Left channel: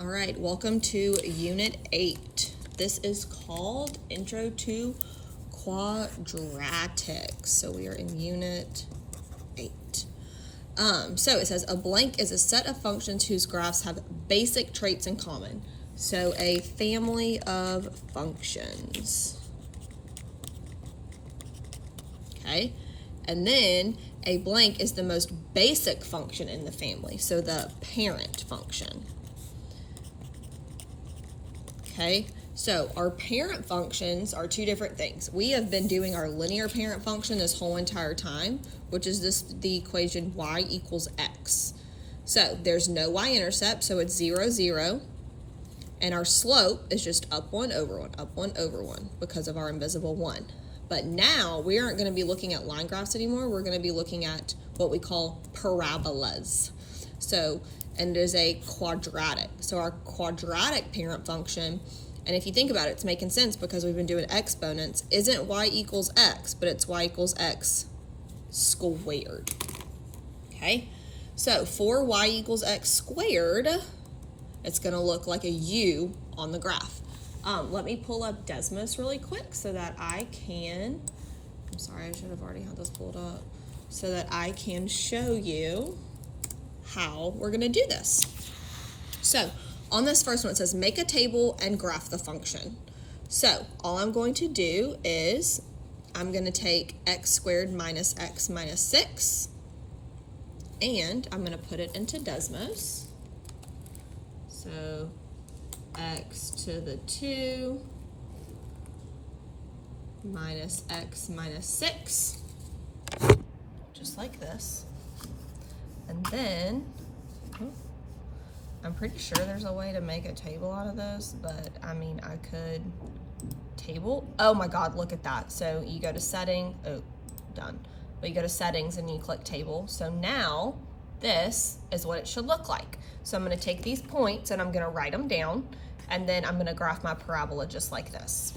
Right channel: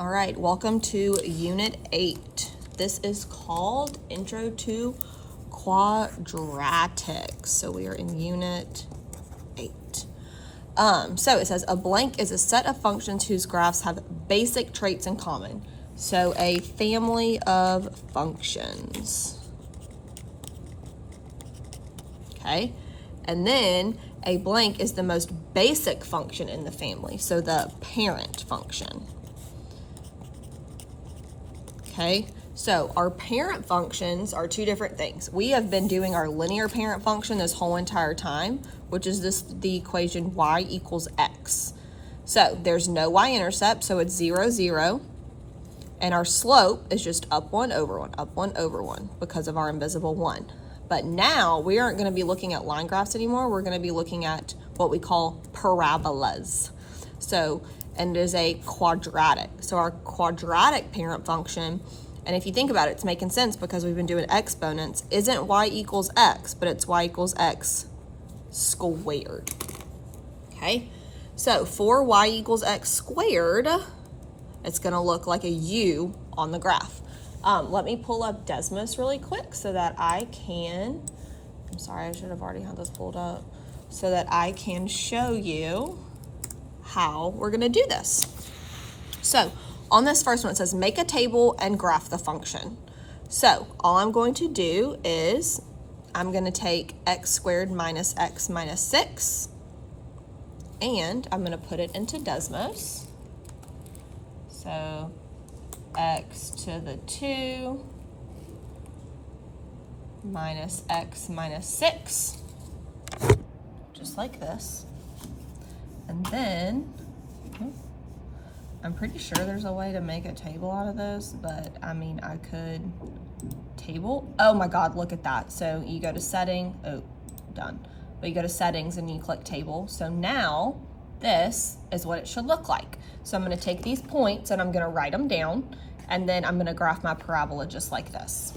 All right, welcome to Unit 8. This is called Intro to Quadratics. So we are in Unit 8. So it says a blank is a set of functions whose graphs have basic traits in common. So a family of functions. Okay, and then a blank is the most basic function in the family, so the parent function. Okay, so our parent functions are two different things. We have been doing our linear parent function this whole entire time, which is the equation y equals x. So there's no y-intercept, so it's 0, 0. And our slope is just up 1 over 1, up 1 over 1 because of our invisible 1. But now we aren't going to be looking at line graphs anymore. We're going to be looking at what we call parabolas. So, and there's a quadratic. So our quadratic parent function, and if you think about it, it's making sense because we've been doing exponents, isn't y equals x, but it's y equals x squared. Okay, so for y equals x squared, it's going to look like a U on the graph. Let me pull up Desmos really quick so that I can, I'm sorry, I should have already had this pulled up, so that I can show you how we're going to do this. So on this first one, it says make a table and graph the function. So all I'm going to do is I'm going to take x squared minus x minus 6, and I'm going to put it into Desmos. So x to the 2 minus x minus 6, just like this. And then, I'm pretty sure there's a way to make a table out of those, but I mean, I could table. Oh my God, look at that. So you go to setting, oh, done. But you go to settings and you click table. So now this is what it should look like. So I'm gonna take these points and I'm gonna write them down, and then I'm gonna graph my parabola just like this.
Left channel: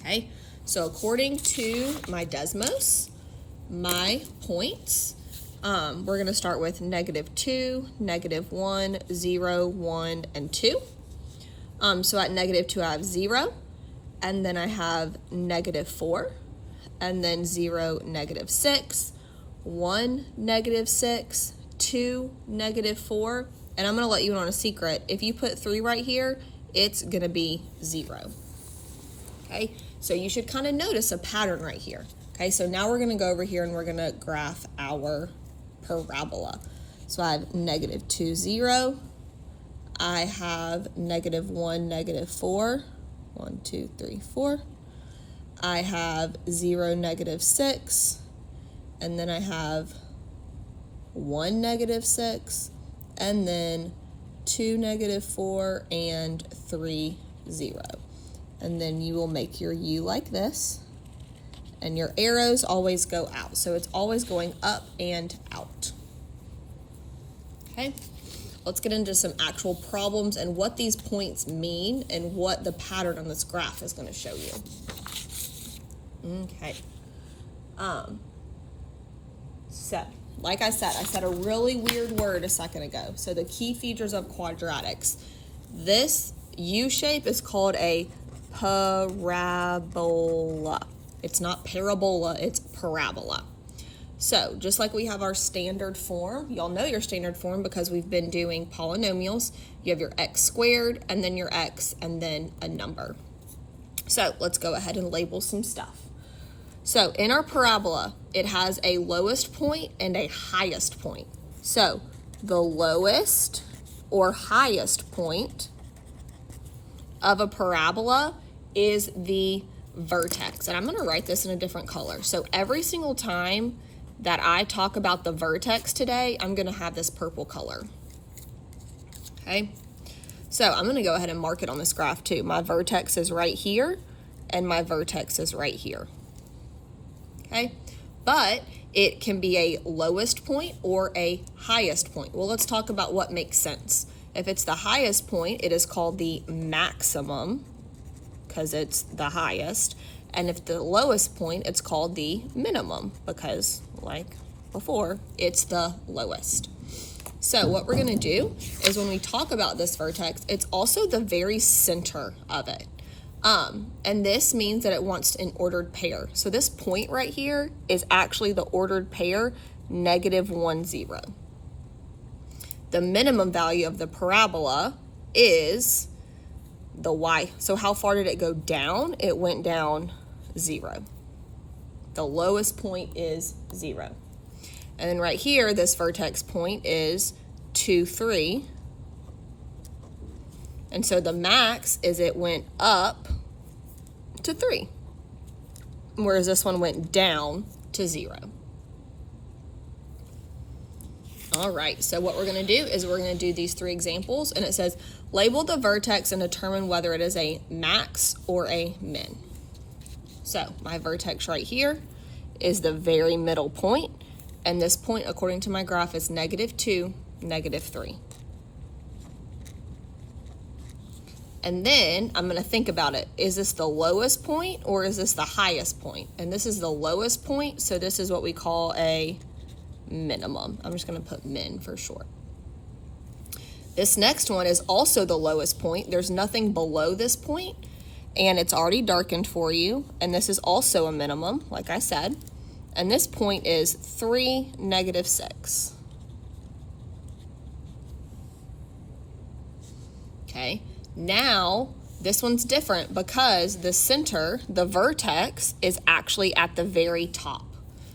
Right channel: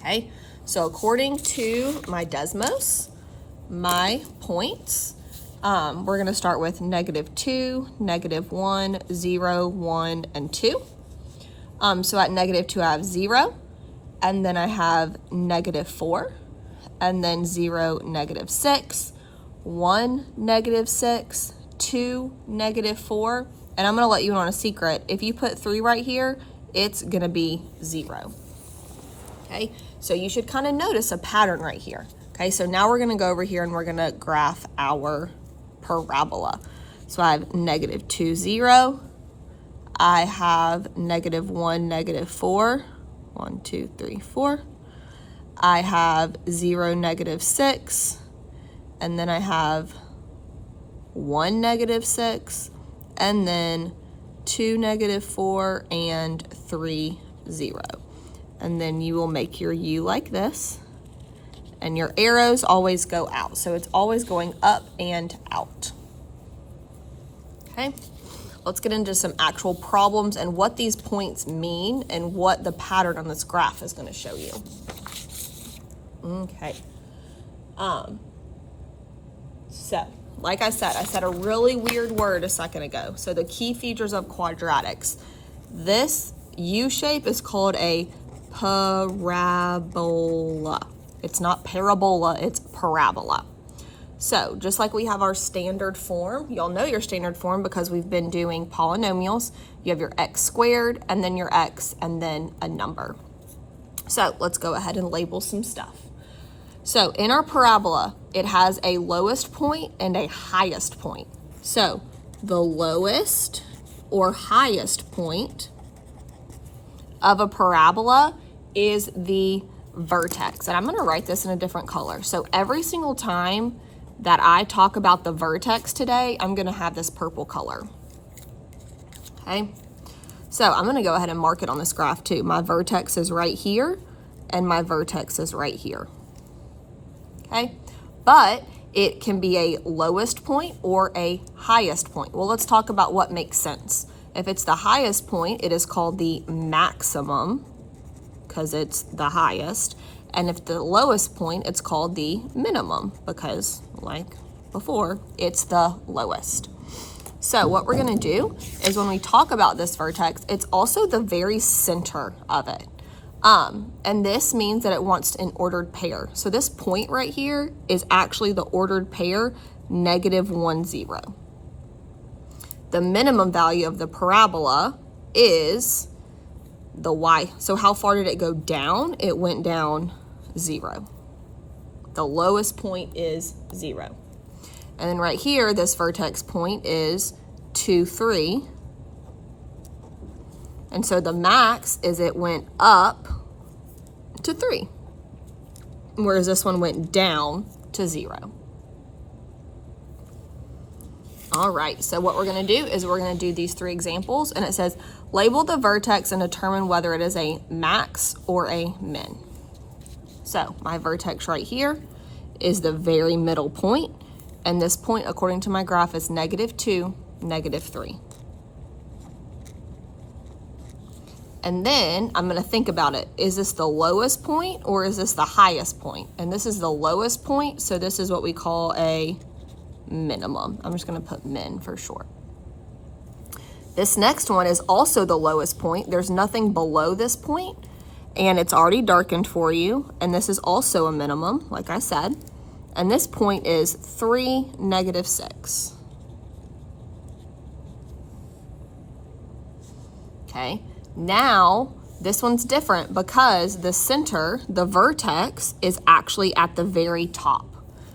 Okay, so according to my Desmos, my points, we're gonna start with -2, -1, 0, 1, and 2. So at -2 I have 0, and then I have -4, and then 0, -6, 1, -6, 2, -4, and I'm gonna let you in on a secret. If you put 3 right here, it's gonna be 0. Okay, so you should kind of notice a pattern right here. Okay, so now we're gonna go over here and we're gonna graph our parabola. So I have -2, 0. I have -1, -4. 1, 2, 3, 4. I have 0, -6, and then I have 1, -6, and then 2, -4, and 3, 0. And then you will make your U like this, and your arrows always go out. So it's always going up and out. Okay, let's get into some actual problems and what these points mean and what the pattern on this graph is going to show you. Okay. So, like I said a really weird word a second ago. So the key features of quadratics. This U shape is called a parabola. It's not parabola, it's parabola. So just like we have our standard form, y'all know your standard form because we've been doing polynomials. You have your x squared, and then your x, and then a number. So let's go ahead and label some stuff. So in our parabola, it has a lowest point and a highest point. So the lowest or highest point of a parabola is the vertex. And I'm gonna write this in a different color. So every single time that I talk about the vertex today, I'm gonna have this purple color, okay? So I'm gonna go ahead and mark it on this graph too. My vertex is right here, and my vertex is right here, okay? But it can be a lowest point or a highest point. Well, let's talk about what makes sense. If it's the highest point, it is called the maximum because it's the highest. And if the lowest point, it's called the minimum because, like before, it's the lowest. So what we're gonna do is when we talk about this vertex, it's also the very center of it. And this means that it wants an ordered pair. So this point right here is actually the ordered pair, -1, 0. The minimum value of the parabola is the y. So how far did it go down? It went down 0. The lowest point is 0. And then right here, this vertex point is 2, 3. And so the max is it went up to 3, whereas this one went down to 0. All right, so what we're gonna do is we're gonna do these 3 examples, and it says, label the vertex and determine whether it is a max or a min. So my vertex right here is the very middle point, and this point, according to my graph, is -2, -3. And then I'm gonna think about it. Is this the lowest point or is this the highest point? And this is the lowest point, so this is what we call a minimum. I'm just gonna put min for short. This next one is also the lowest point. There's nothing below this point, and it's already darkened for you, and this is also a minimum, like I said. And this point is 3, -6. Okay, now this one's different because the center, the vertex, is actually at the very top.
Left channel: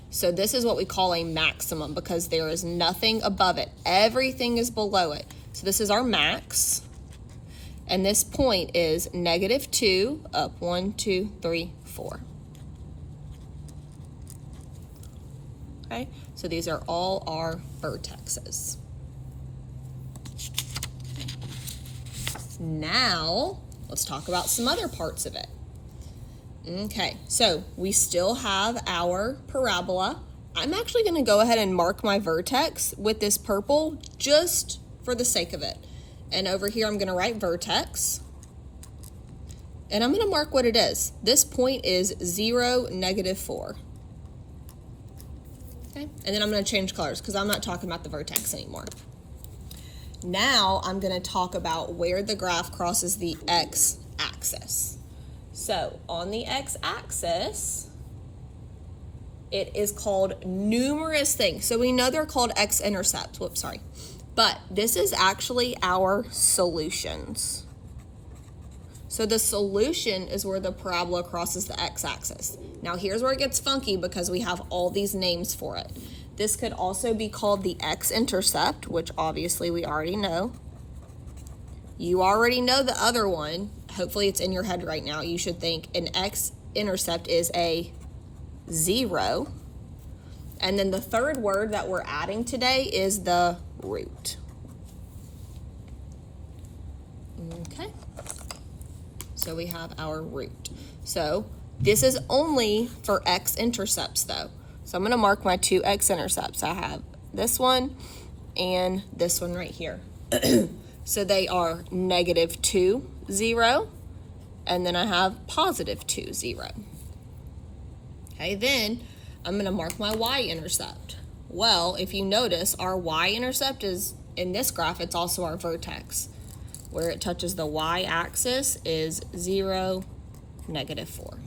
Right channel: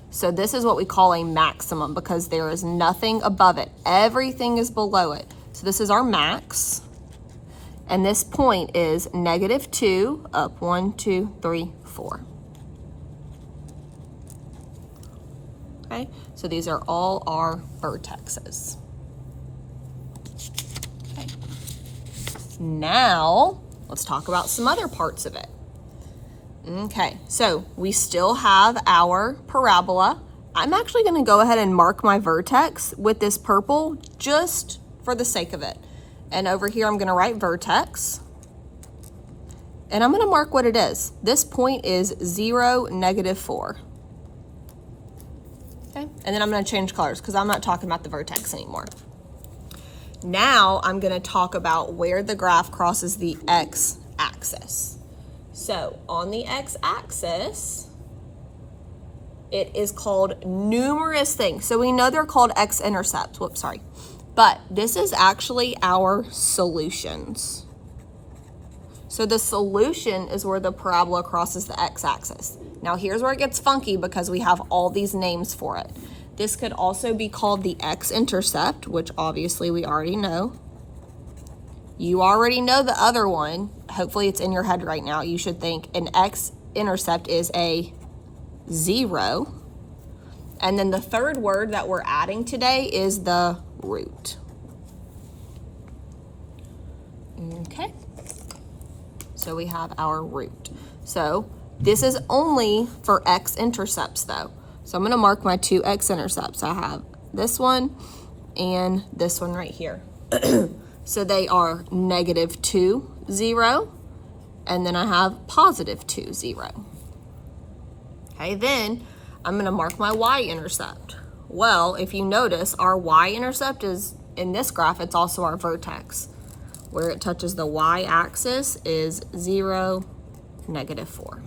So this is what we call a maximum because there is nothing above it. Everything is below it. So this is our max. And this point is -2 up 1, 2, 3, 4. Okay, so these are all our vertexes. Okay. Now, let's talk about some other parts of it. Okay, so we still have our parabola. I'm actually gonna go ahead and mark my vertex with this purple just for the sake of it. And over here, I'm gonna write vertex. And I'm gonna mark what it is. This point is 0, -4. Okay, and then I'm gonna change colors because I'm not talking about the vertex anymore. Now I'm gonna talk about where the graph crosses the x-axis. So on the x-axis, it is called numerous things. So we know they're called x-intercepts. Whoops, sorry. But this is actually our solutions. So the solution is where the parabola crosses the x-axis. Now here's where it gets funky because we have all these names for it. This could also be called the x-intercept, which obviously we already know. You already know the other one. Hopefully it's in your head right now. You should think an x-intercept is a 0. And then the third word that we're adding today is the root. Okay. So we have our root. So this is only for x-intercepts though. So I'm gonna mark my 2 x-intercepts. I have this one and this one right here. So they are -2, 0, and then I have +2, 0. Okay, then I'm gonna mark my y-intercept. Well, if you notice, our y-intercept is, in this graph, it's also our vertex. Where it touches the y-axis is 0, -4.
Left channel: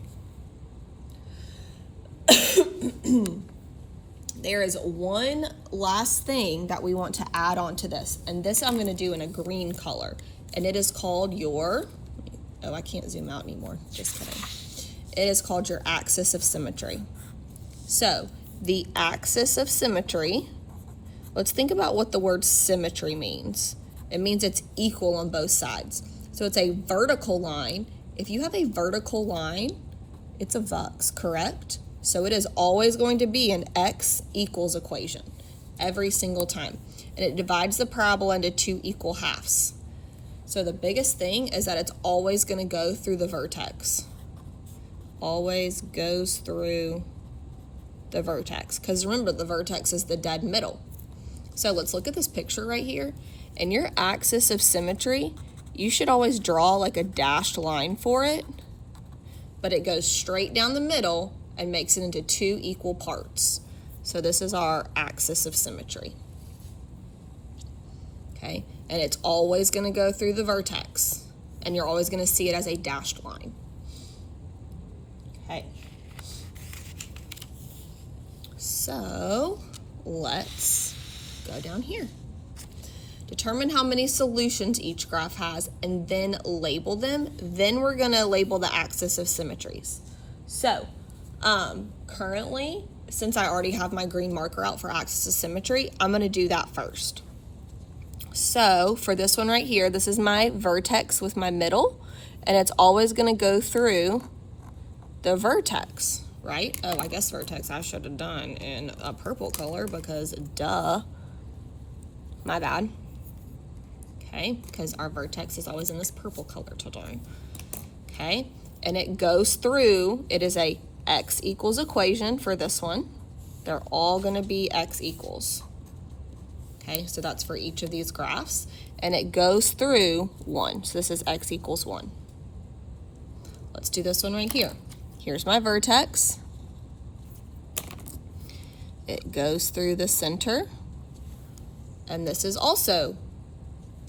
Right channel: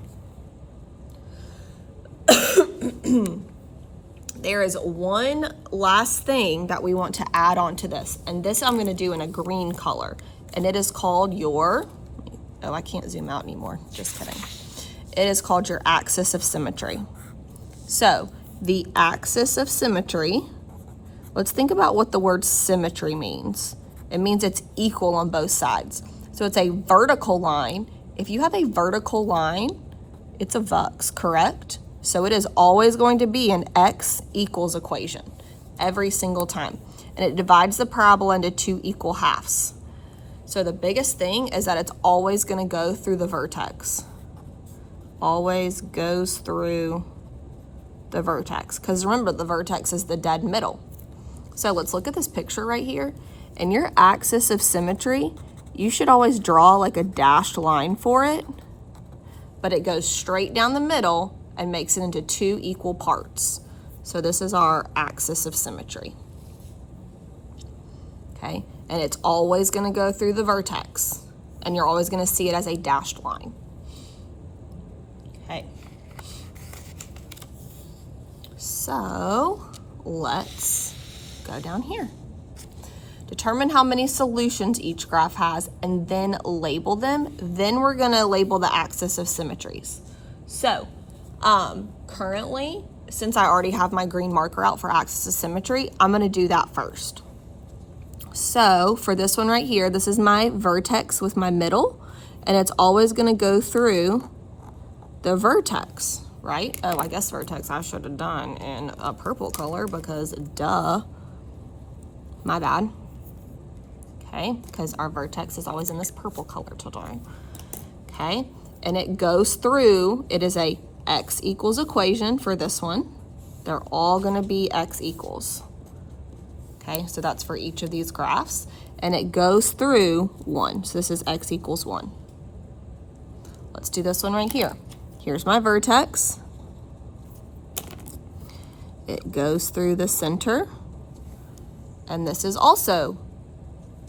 There is one last thing that we want to add on to this, and this I'm going to do in a green color, and it is called your, oh, I can't zoom out anymore, just kidding. It is called your axis of symmetry. So the axis of symmetry, let's think about what the word symmetry means. It means it's equal on both sides. So it's a vertical line. If you have a vertical line, it's a vux, correct? So it is always going to be an x equals equation every single time. And it divides the parabola into 2 equal halves. So the biggest thing is that it's always going to go through the vertex. Always goes through the vertex. Because remember, the vertex is the dead middle. So let's look at this picture right here. In your axis of symmetry, you should always draw like a dashed line for it. But it goes straight down the middle and makes it into 2 equal parts. So this is our axis of symmetry. and it's always gonna go through the vertex, and you're always gonna see it as a dashed line. Okay. So let's go down here. Determine how many solutions each graph has and then label them. Then we're gonna label the axis of symmetries. So currently, since I already have my green marker out for axis of symmetry, I'm gonna do that first. So for this one right here, this is my vertex with my middle, and it's always gonna go through the vertex, right? Oh, I guess vertex I should have done in a purple color because duh, my bad. Okay, because our vertex is always in this purple color today. Okay, and it goes through, it is a x equals equation for this one. They're all gonna be x equals. Okay, so that's for each of these graphs. And it goes through 1, so this is x equals 1. Let's do this one right here. Here's my vertex. It goes through the center. And this is also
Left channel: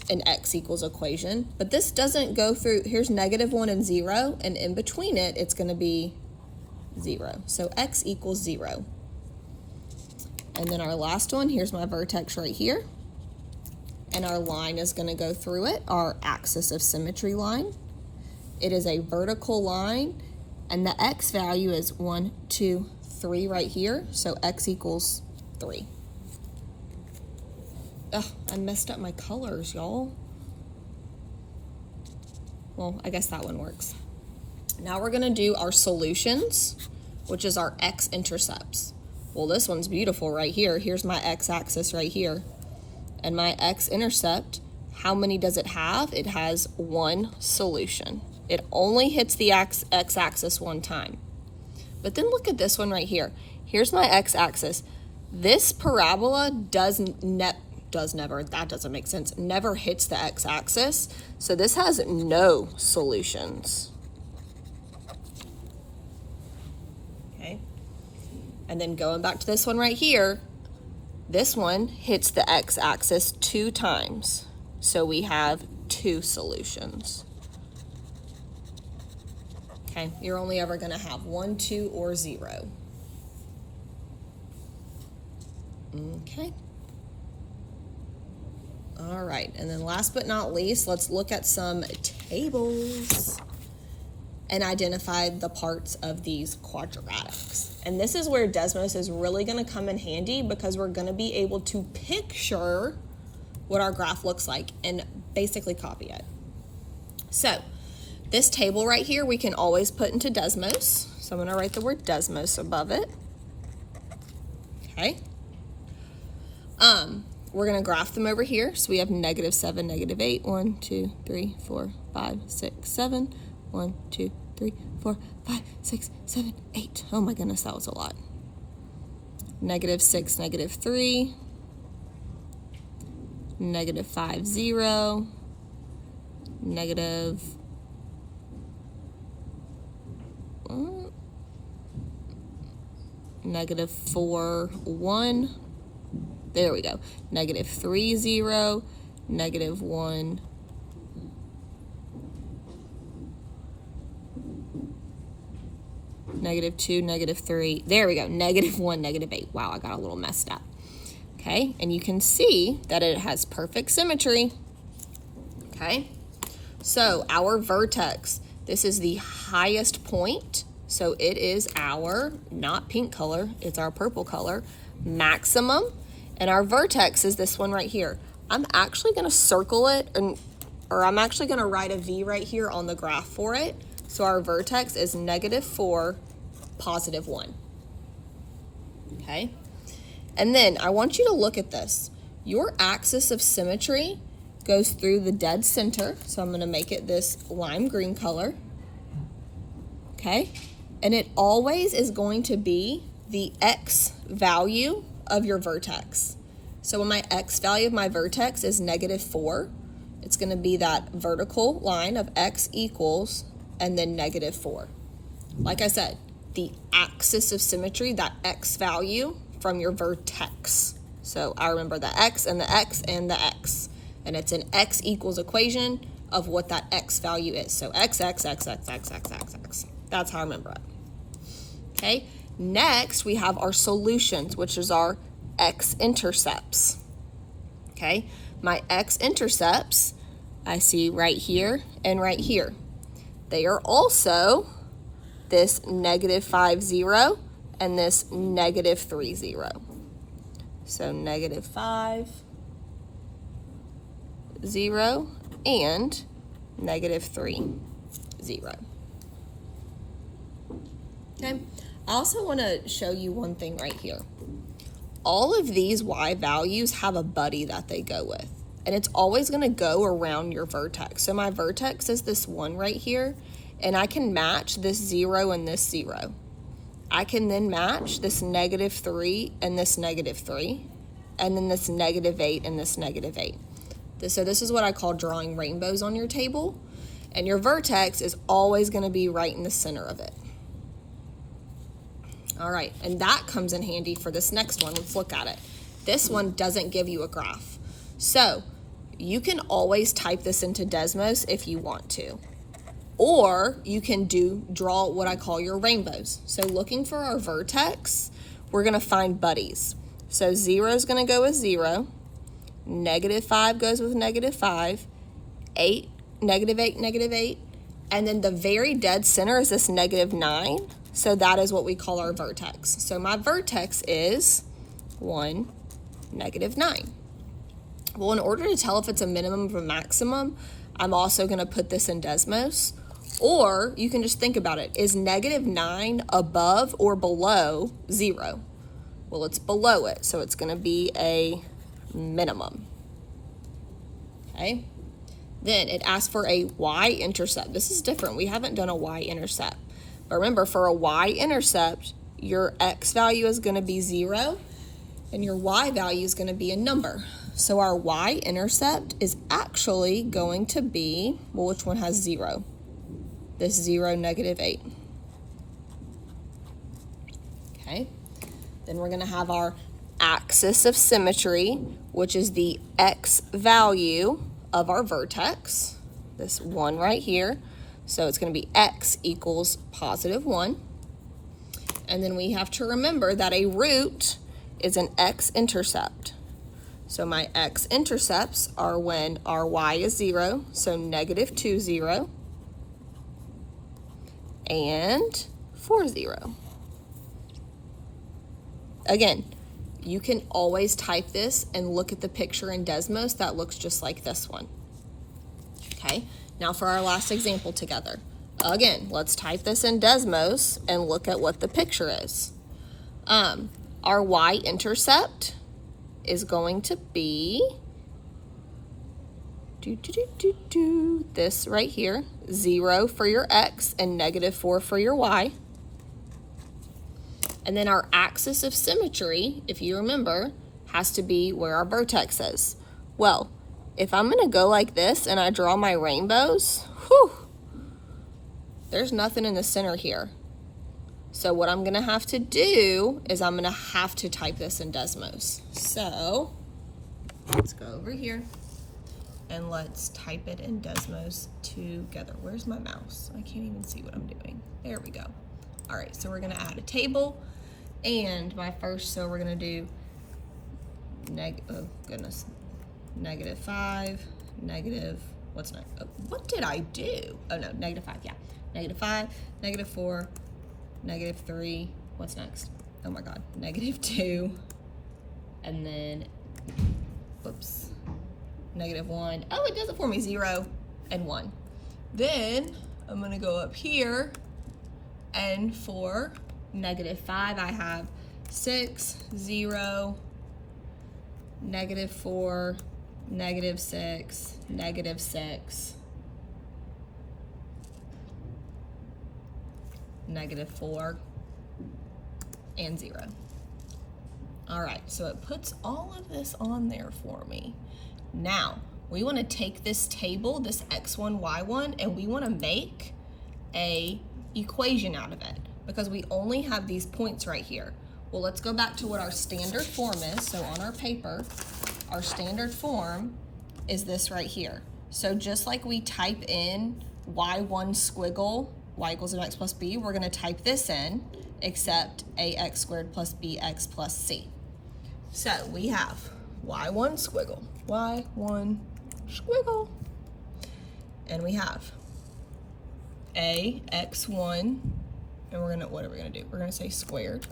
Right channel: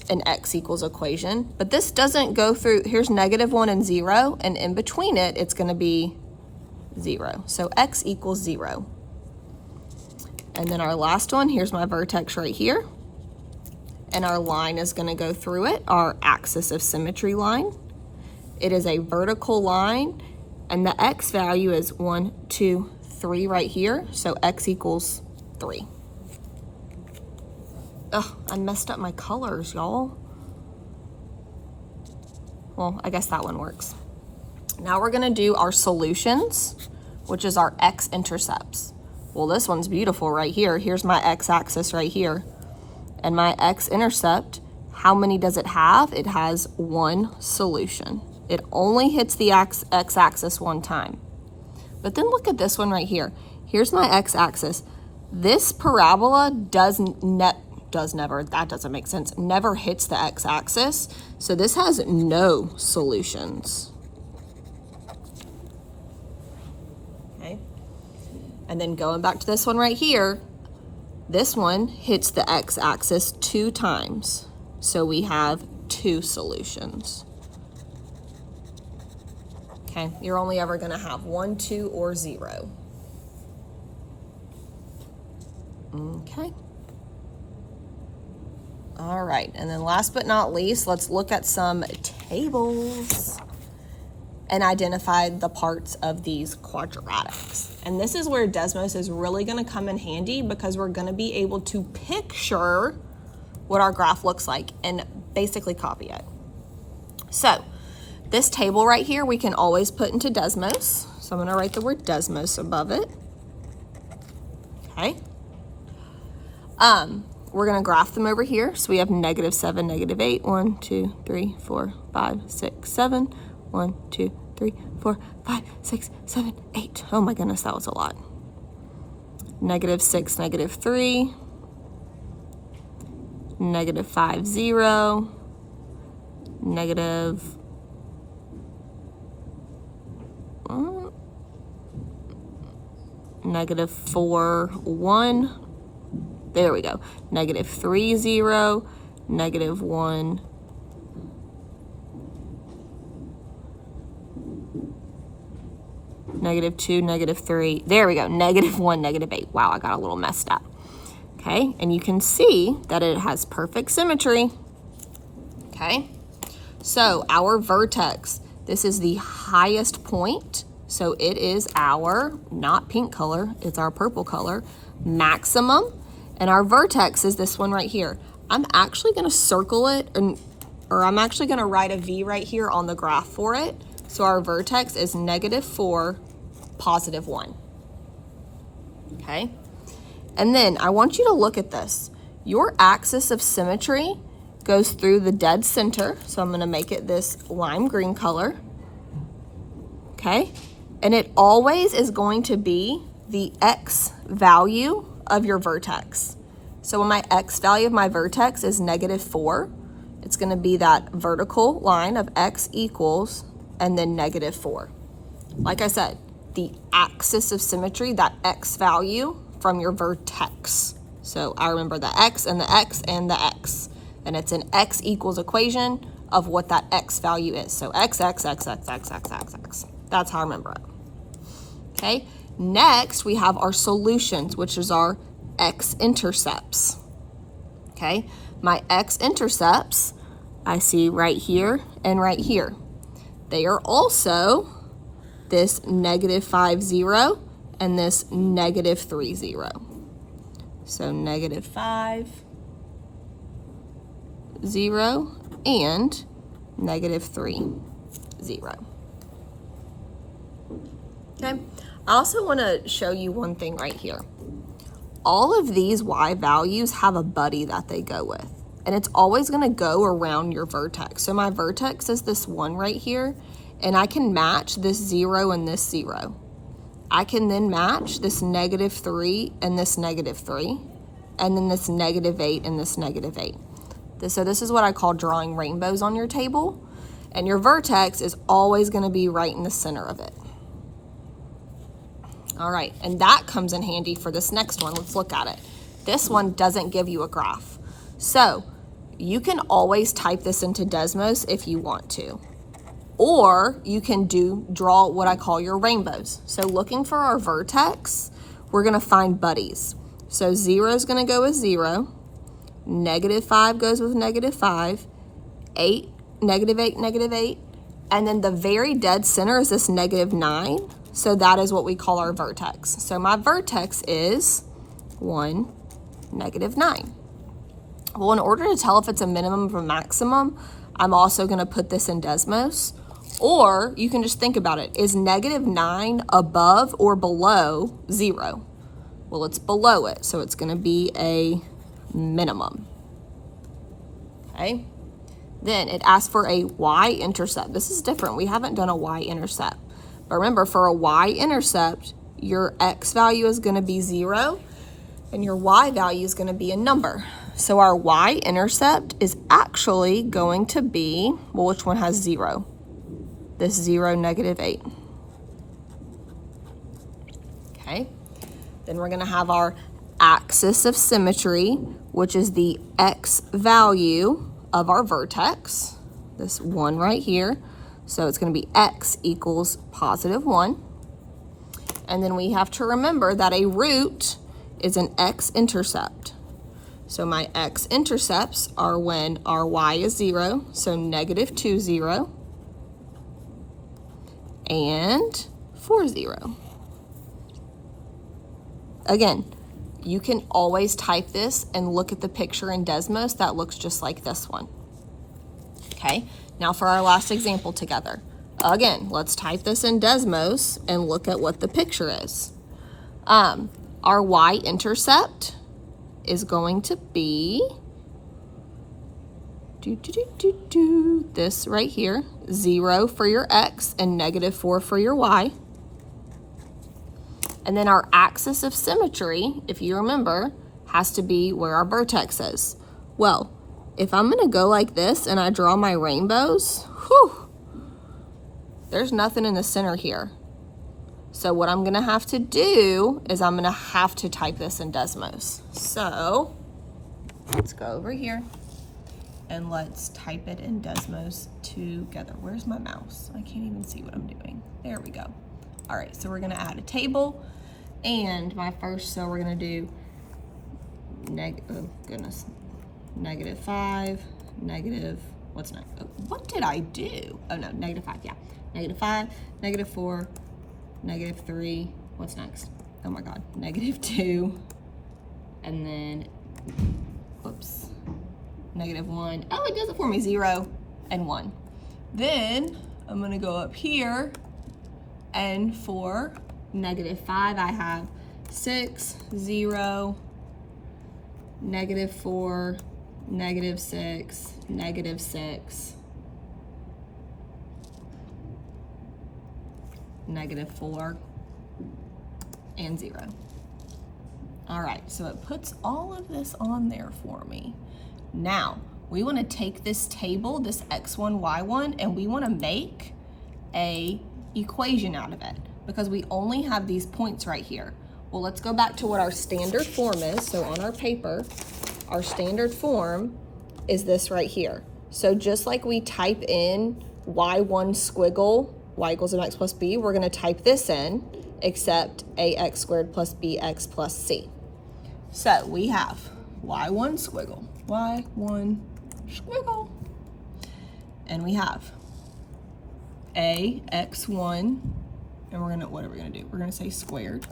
an x equals equation, but this doesn't go through, here's -1 and 0, and in between it, it's gonna be 0. So x equals 0. And then our last one, here's my vertex right here, and our line is gonna go through it, our axis of symmetry line. It is a vertical line, and the x value is 1, 2, 3 right here, so x equals 3. Ugh, I messed up my colors, y'all. Well, I guess that one works. Now we're gonna do our solutions, which is our x-intercepts. Well, this one's beautiful right here. Here's my x-axis right here. And my x-intercept, how many does it have? It has 1 solution. It only hits the x-axis 1 time. But then look at this one right here. Here's my x-axis. This parabola never, that doesn't make sense, never hits the x-axis, so this has no solutions. Okay, and then going back to this one right here, this one hits the x-axis 2 times, so we have 2 solutions. Okay, you're only ever gonna have 1, 2, or 0. Okay. All right, and then last but not least, let's look at some tables and identify the parts of these quadratics. And this is where Desmos is really gonna come in handy because we're gonna be able to picture what our graph looks like and basically copy it. So this table right here, we can always put into Desmos. So I'm gonna write the word Desmos above it, okay? We're gonna graph them over here. So we have -7, -8, 1, 2, 3, 4, 5, 6, 7, 1, 2, 3, 4, 5, 6, 7, 8. Oh my goodness, that was a lot. -6, -3, -5, 0, -4, 1. There we go. -3, 0, -1, -2, -3. There we go. -1, -8. Wow, I got a little messed up. Okay, and you can see that it has perfect symmetry. Okay, so our vertex, this is the highest point. So it is our, not pink color, it's our purple color, maximum. And our vertex is this one right here. I'm actually gonna circle it, or I'm actually gonna write a V right here on the graph for it. So our vertex is -4, +1. Okay? And then I want you to look at this. Your axis of symmetry goes through the dead center. So I'm gonna make it this lime green color. Okay? And it always is going to be the X value of your vertex. So when my X value of my vertex is -4, it's gonna be that vertical line of X equals and then -4. Like I said, the axis of symmetry, that X value from your vertex. So I remember the X and the X and the X. and it's an x equals equation of what that x value is. So x, x, x, x, x, x, x, x. That's how I remember it. Okay, next we have our solutions, which is our x-intercepts. Okay, my x-intercepts I see right here and right here. They are also this -5, 0 and this -3, 0. So -5, 0 and -3, 0. Okay, I also want to show you one thing right here. All of these y values have a buddy that they go with, and it's always going to go around your vertex. So my vertex is this 1 right here, and I can match this 0 and this 0. I can then match this -3 and this -3, and then this -8 and this -8. So this is what I call drawing rainbows on your table, and your vertex is always going to be right in the center of it. All right, and that comes in handy for this next one. Let's look at it. This one doesn't give you a graph. So you can always type this into Desmos if you want to. Or you can draw what I call your rainbows. So looking for our vertex, we're gonna find buddies. So 0 is gonna go with 0, -5 goes with -5, 8, -8, -8, and then the very dead center is this -9. So that is what we call our vertex. So my vertex is 1, -9. Well, in order to tell if it's a minimum or a maximum, I'm also gonna put this in Desmos. Or you can just think about it. Is -9 above or below 0? Well, it's below it, so it's gonna be a minimum. Okay? Then it asks for a y-intercept. This is different. We haven't done a y-intercept. But remember, for a y-intercept, your x value is gonna be 0, and your y value is gonna be a number. So our y-intercept is actually going to be, well, which one has 0? This 0, -8. Okay, then we're gonna have our axis of symmetry, which is the x value of our vertex, this 1 right here. So it's gonna be x equals +1. And then we have to remember that a root is an x-intercept. So my x-intercepts are when our y is 0, so -2, 0, and 4, 0. Again, you can always type this and look at the picture in Desmos that looks just like this one. Okay, now for our last example together. Again, let's type this in Desmos and look at what the picture is. Our y-intercept is going to be this right here, 0 for your x and -4 for your y. And then our axis of symmetry, if you remember, has to be where our vertex is. Well, if I'm gonna go like this and I draw my rainbows, there's nothing in the center here. So what I'm gonna have to do is I'm gonna have to type this in Desmos. So let's go over here and let's type it in Desmos together. Where's my mouse? I can't even see what I'm doing. There we go. All right, so we're gonna add a table, and my first, so we're gonna do -5, what's next? Oh, what did I do? Oh no, -5, yeah. -5, -4, -3, what's next? Oh my God, -2, and then, whoops, -1. Oh, it does it for me, 0 and 1. Then I'm gonna go up here, and for -5, I have 6, 0, -4, -6, -6, -4, and 0. All right, so it puts all of this on there for me. Now, we wanna take this table, this x1, y1, and we wanna make a equation out of it because we only have these points right here. Well, let's go back to what our standard form is. So on our paper, our standard form is this right here. So just like we type in y1 squiggle, y equals mx plus b, we're gonna type this in, except ax squared plus bx plus c. So we have y1 squiggle, y1 squiggle, and we have ax1, and we're gonna, what are we gonna do? We're gonna say squared,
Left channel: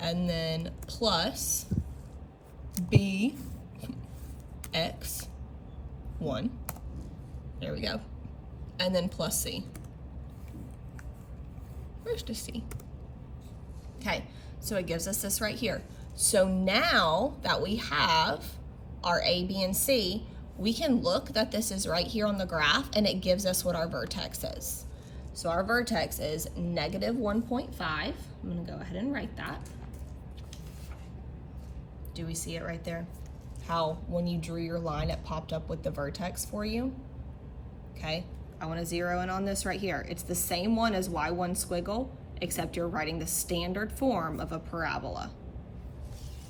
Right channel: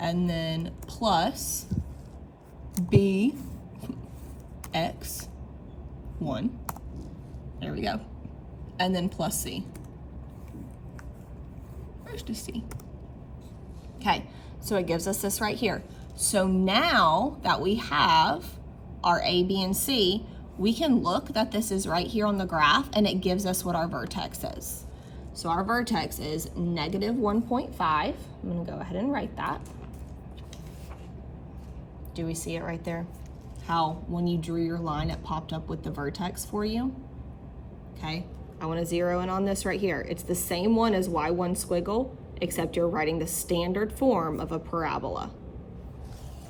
and then plus bx1, there we go, and then plus c. Where's the c? Okay, so it gives us this right here. So now that we have our a, b, and c, we can look that this is right here on the graph, and it gives us what our vertex is. So our vertex is negative 1.5. I'm gonna go ahead and write that. Do we see it right there? How when you drew your line, it popped up with the vertex for you? Okay, I wanna zero in on this right here. It's the same one as y1 squiggle, except you're writing the standard form of a parabola.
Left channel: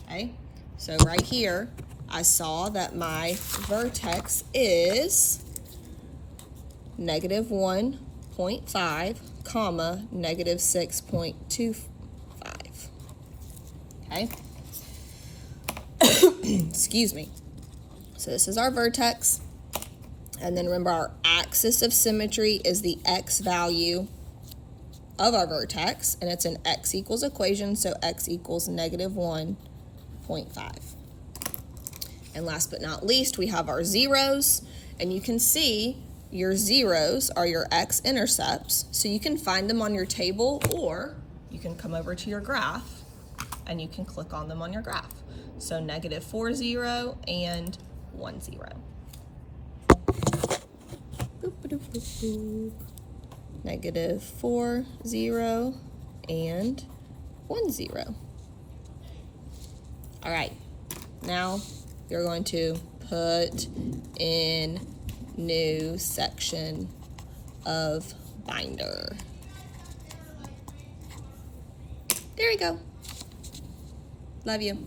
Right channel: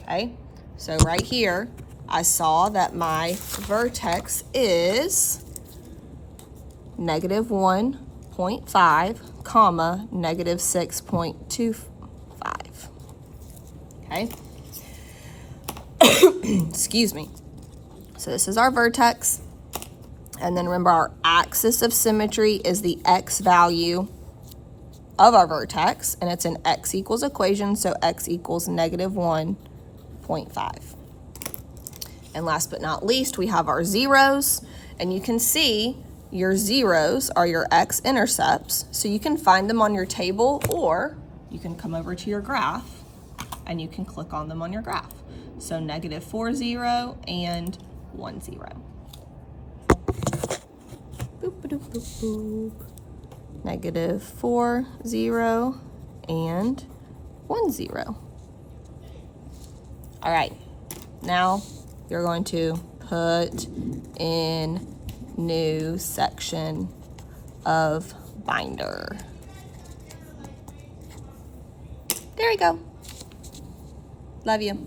Okay, so right here, I saw that my vertex is negative 1.5, comma, negative 6.25, okay? Excuse me. So this is our vertex, and then remember our axis of symmetry is the x value of our vertex, and it's an x equals equation, so x equals negative 1.5. And last but not least, we have our zeros, and you can see your zeros are your x-intercepts, so you can find them on your table, or you can come over to your graph and you can click on them on your graph. So negative 4, 0, and 1, 0. Boop, boop, boop, boop. Negative 4, 0, and 1, 0. All right, now you're going to put in new section of binder. There you go. Love you.